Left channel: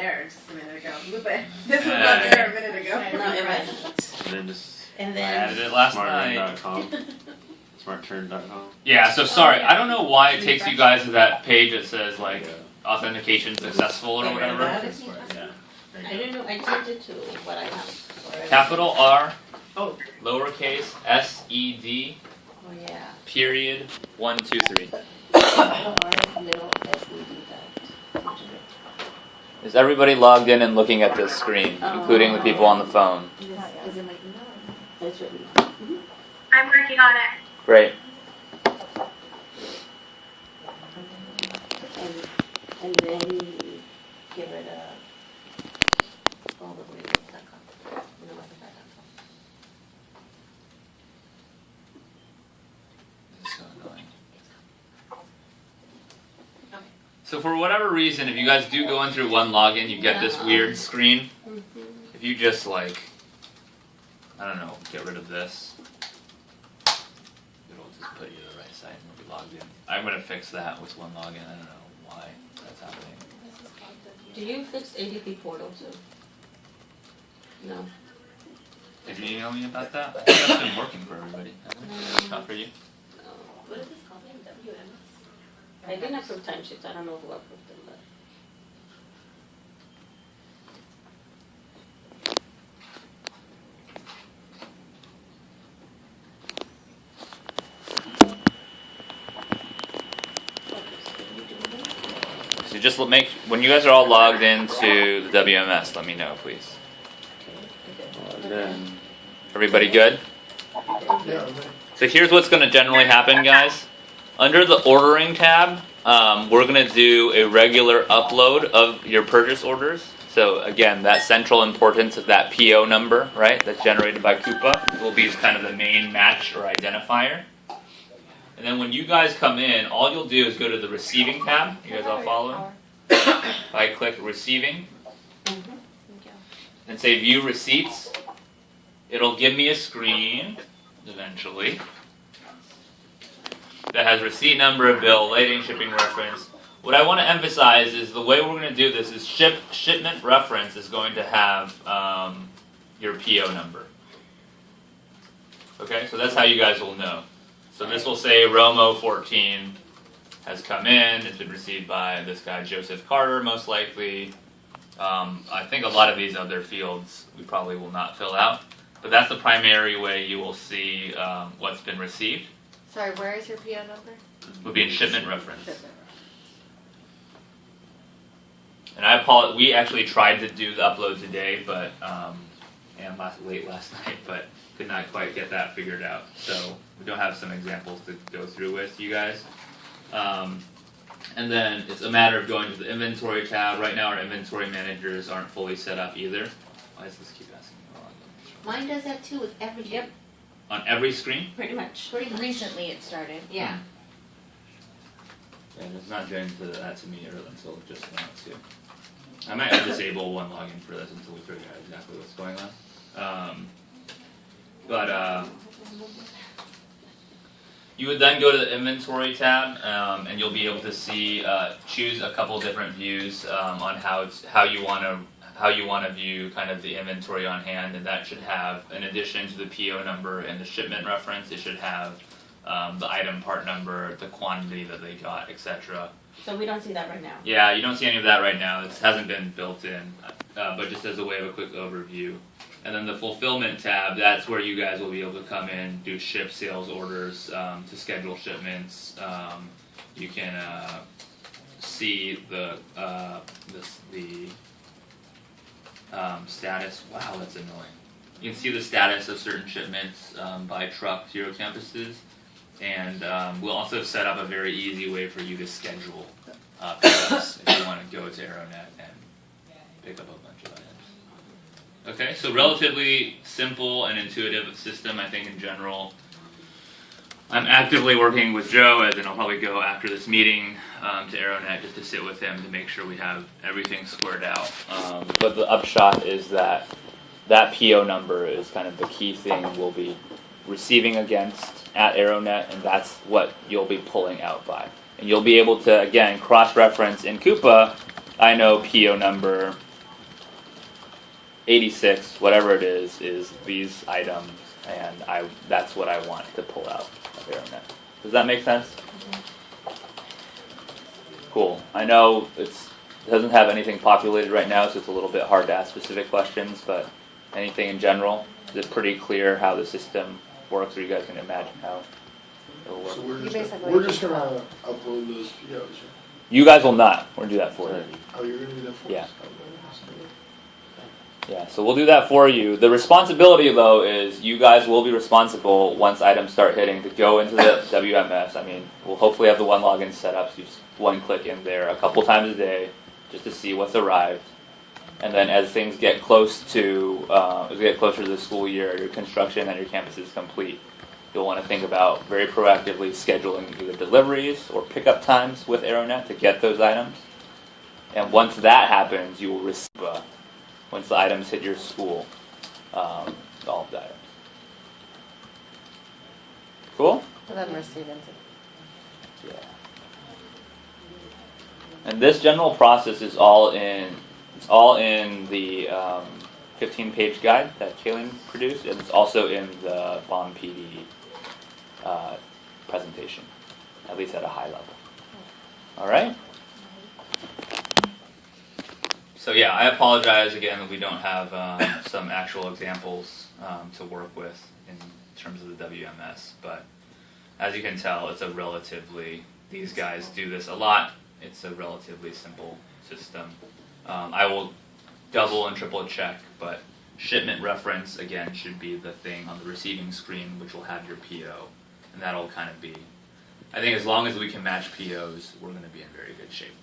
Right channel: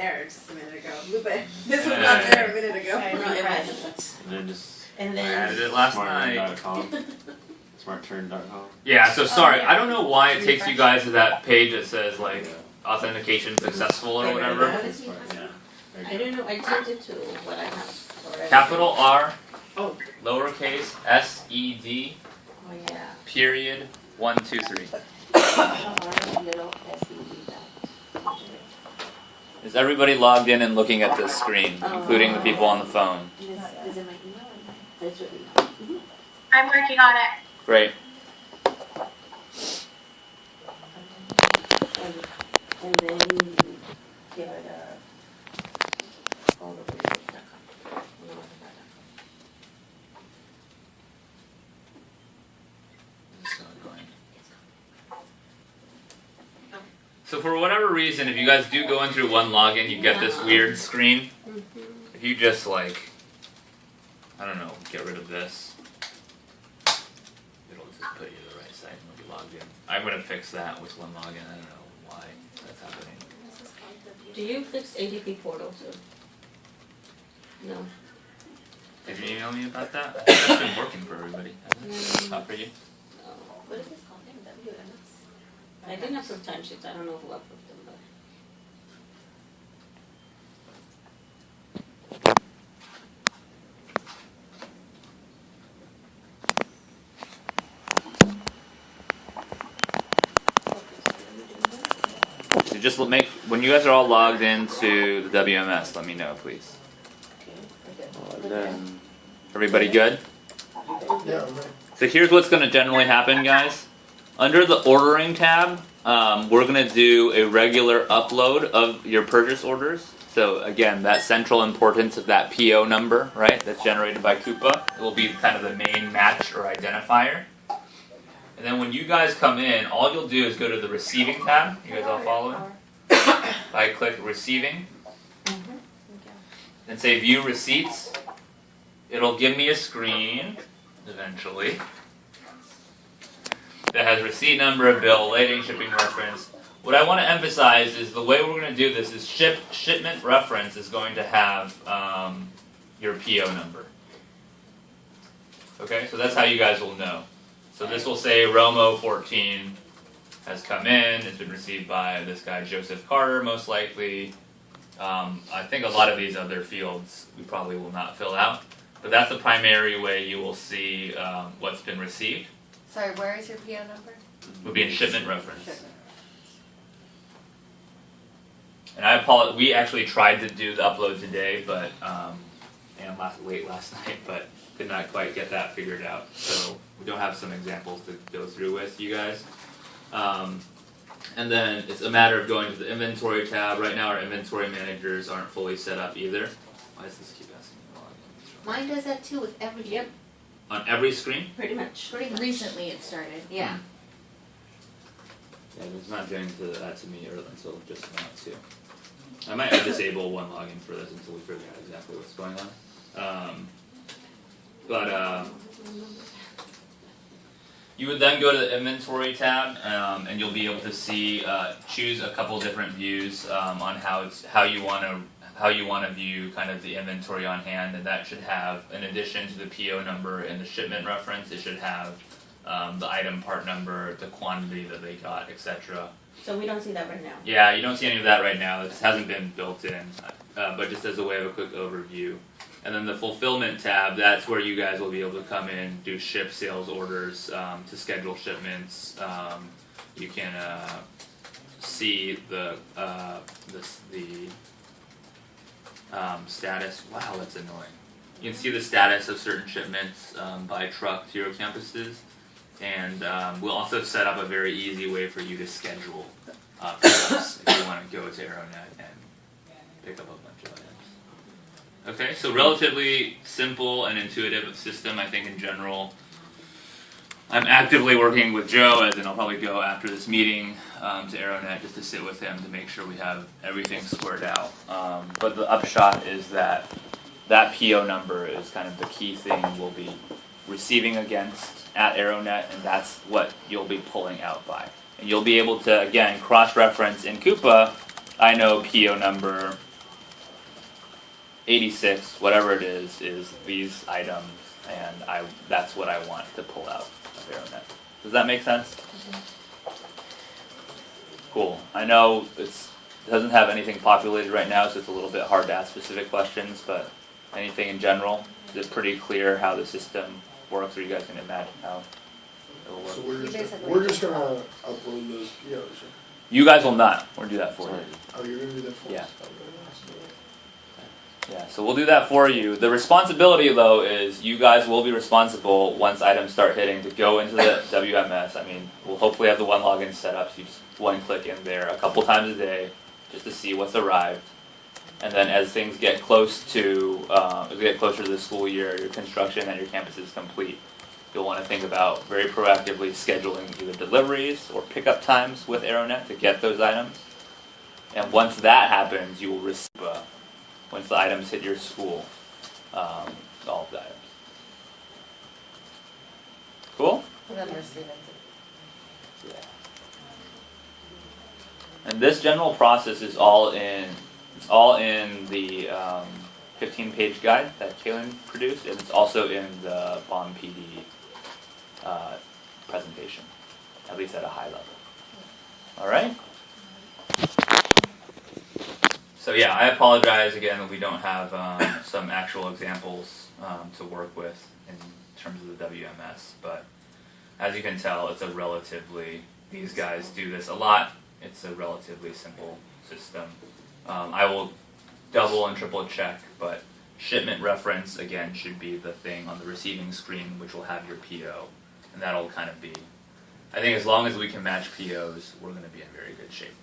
there just a minute ago. Lupe, this was not there a minute ago. I know, it wasn't. And then just And I added then, it last night. smartturn.com. Smartturn.com. Yeah, so sorry, I don't know why it takes you guys to that page that says like authentication successful or whatever. Yeah. There I you go. don't know, I changed it to what I have already. Capital R, Oh. lowercase SED, Oh, yeah. period, 1, 2, 3. Capital R, little SED dot. Is everybody logged in and looking at this screen, including the people on the phone? Is it my email? That's your email. I'm working on it. Great. And then get rid of all the weird.com. So for whatever reason, if you guys do go in through one login, you get this weird screen. If you just like, I don't know, get rid of this, it'll just put you to the right site when you log in. I'm gonna fix that with one login. I don't know why that's happening. Do you fix ADP portal too? No. Did you email me about that? I think that's been working for everybody. Not for you? No. What is this called? WMS? I didn't approve timesheets, I don't know who approved them, but. So just make, when you guys are all logged into the WMS, let me know, please. And then, Everybody good? So here's what's going to generally happen, guys. Under the ordering tab, we're going to do a regular upload of your purchase orders. So again, that central importance of that PO number, right, that's generated by Coupa, will be kind of the main match or identifier. And then when you guys come in, all you'll do is go to the receiving tab. You guys all follow? I click receiving and say view receipts. It'll give me a screen, eventually, that has receipt number, bill, lading, shipping reference. What I want to emphasize is the way we're going to do this is shipment reference is going to have your PO number. Okay, so that's how you guys will know. So this will say Romo 14 has come in. It's been received by this guy Joseph Carter, most likely. I think a lot of these other fields we probably will not fill out, but that's the primary way you will see what's been received. Sorry, where is your PO number? Would be in shipment reference. And I apologize. We actually tried to do the upload today, but and late last night, but could not quite get that figured out. So we don't have some examples to go through with you guys. And then it's a matter of going to the inventory tab. Right now, our inventory managers aren't fully set up either. Why does this keep asking me to log in? Mine does that too with every ship. On every screen? Pretty much. Recently it started, yeah. And it's not doing that to me until just now too. I might disable one login for this until we figure out exactly what's going on. You would then go to the inventory tab, and you'll be able to see choose a couple different views on how you want to view kind of the inventory on hand, and that should have, in addition to the PO number and the shipment reference, it should have the item part number, the quantity that they got, etc. So we don't see that right now. Yeah, you don't see any of that right now. It hasn't been built in, but just as a way of a quick overview. And then the fulfillment tab, that's where you guys will be able to come in, do ship sales orders to schedule shipments. You can see the status. Wow, that's annoying. You can see the status of certain shipments by truck to your campuses. And we'll also set up a very easy way for you to schedule pickups if you want to go to Aeronet and pick up a bunch of items. Okay, so relatively simple and intuitive system, I think, in general. I'm actively working with Joe, as in I'll probably go after this meeting to Aeronet just to sit with him to make sure we have everything squared out. But the upshot is that PO number is kind of the key thing we'll be receiving against at Aeronet, and that's what you'll be pulling out by. And you'll be able to, again, cross-reference in Coupa. I know PO number 86, whatever it is these items, and that's what I want to pull out of AeroNet. Does that make sense? Cool. I know it doesn't have anything populated right now, so it's a little bit hard to ask specific questions, but anything in general? Is it pretty clear how the system works, or you guys can imagine how it will work? So You basically we're just just gonna upload those POs. You guys will not. We're going to do that for you. Oh, you're gonna do that for us? Yeah. Yeah, so we'll do that for you. The responsibility, though, is you guys will be responsible once items start hitting to go into the WMS. I mean, we'll hopefully have the one login set up, so you just one click in there a couple times a day just to see what's arrived. And then as things get close to, as we get closer to the school year, your construction at your campus is complete, you'll want to think about very proactively scheduling either deliveries or pickup times with AeroNet to get those items. And once that happens, you will receive once the items hit your school, all of the items. Cool? And then receive it. Yeah. And this general process is all in the 15-page guide that Kaylin produced, and it's also in the Bond PD presentation, at least at a high level. All right? So yeah, I apologize again that we don't have some actual examples to work with in terms of the WMS, but as you can tell, it's a relatively, these guys do this a lot, it's a relatively simple system. I will double and triple check, but shipment reference, again, should be the thing on the receiving screen, which will have your PO, and that'll kind of be, I think as long as we can match POs, we're going to be in very good shape.